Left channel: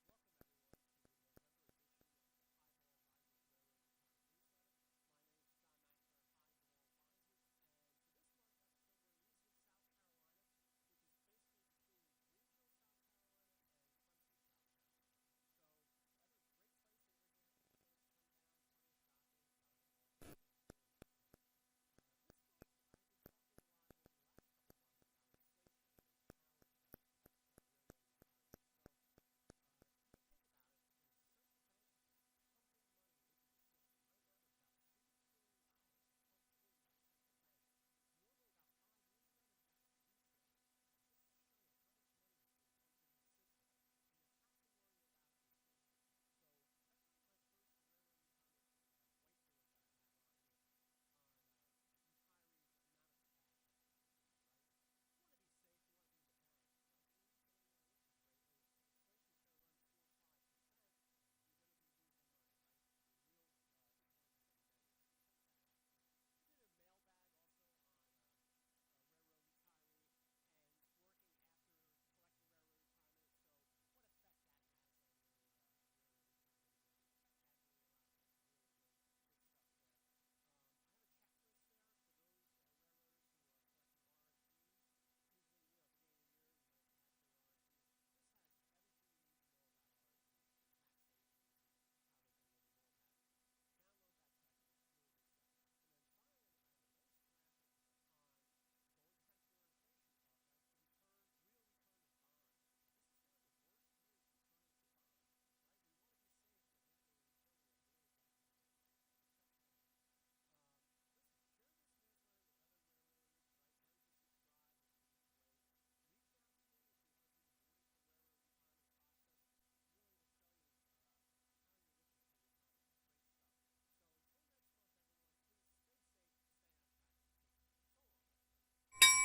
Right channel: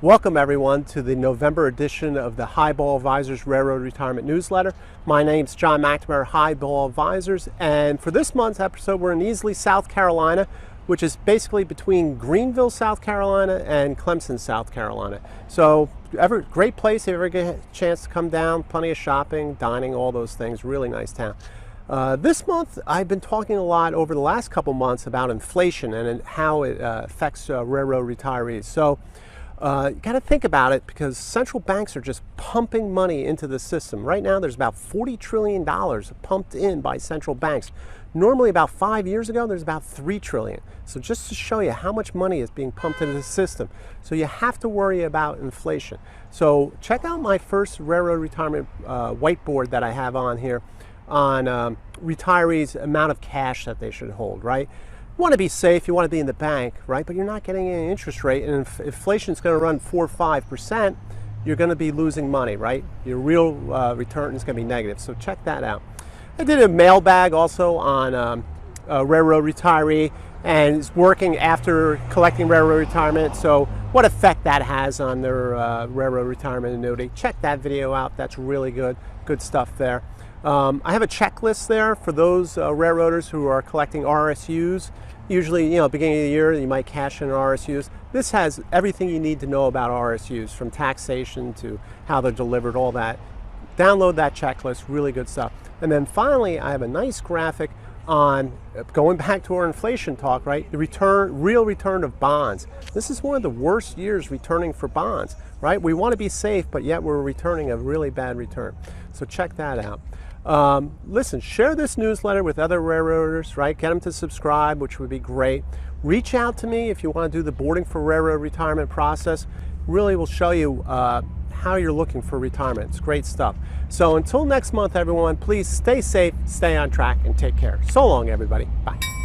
Welcome everyone to the November edition of the Highball Advisors Railroad Retirement Newsletter. My name's John McNamara, Highball Advisors, and for this month's episode we're in Easley, South Carolina, which is basically between Greenville, South Carolina and Clemson, South Carolina. So great place if you ever get a chance to come down, plenty of shopping, dining, all those things, really nice town. This month I've been talking a lot over the last couple months about inflation and how it affects railroad retirees. So you got to think about it because central banks are just pumping money into the system. Right now there's about $40 trillion pumped in by central banks. Normally about 5 years ago there's about $3 trillion. So just to show you how much money is being pumped into the system. So you have to worry about inflation. So check out my first railroad retirement whiteboard that I have on here on retirees' amount of cash that they should hold, right? You want to be safe, you want to be in the bank, right? But you're not getting any interest rate, and if inflation is going to run 4 or 5%, you're going to be losing money, right? Your real return is going to be negative, so check that out. I did a mailbag also on a railroad retiree, and it's working after collecting railroad retirement, so what effect that has on their railroad retirement annuity. Check that video out, that's really good stuff there. I have a checklist there for those railroaders who are collecting RSUs. Usually, beginning of the year, you might cash in RSUs. This has everything you need to know about RSUs, from taxation to how they're delivered, all that. Download that checklist, really good stuff. And then finally, I have a nice graphic on, going back to our inflation talk, right? The real return of bonds. This is one of the worst years returning for bonds, right? We want to be safe, but yet we're returning a really bad return. So check that out. Listen, share this newsletter with other railroaders, right? Get them to subscribe, which would be great. Reach out to me if you want to do the boarding for railroad retirement process. Really will show you how you're looking for retirement. It's great stuff. So until next month, everyone, please stay safe, stay on track, and take care. So long, everybody. Bye.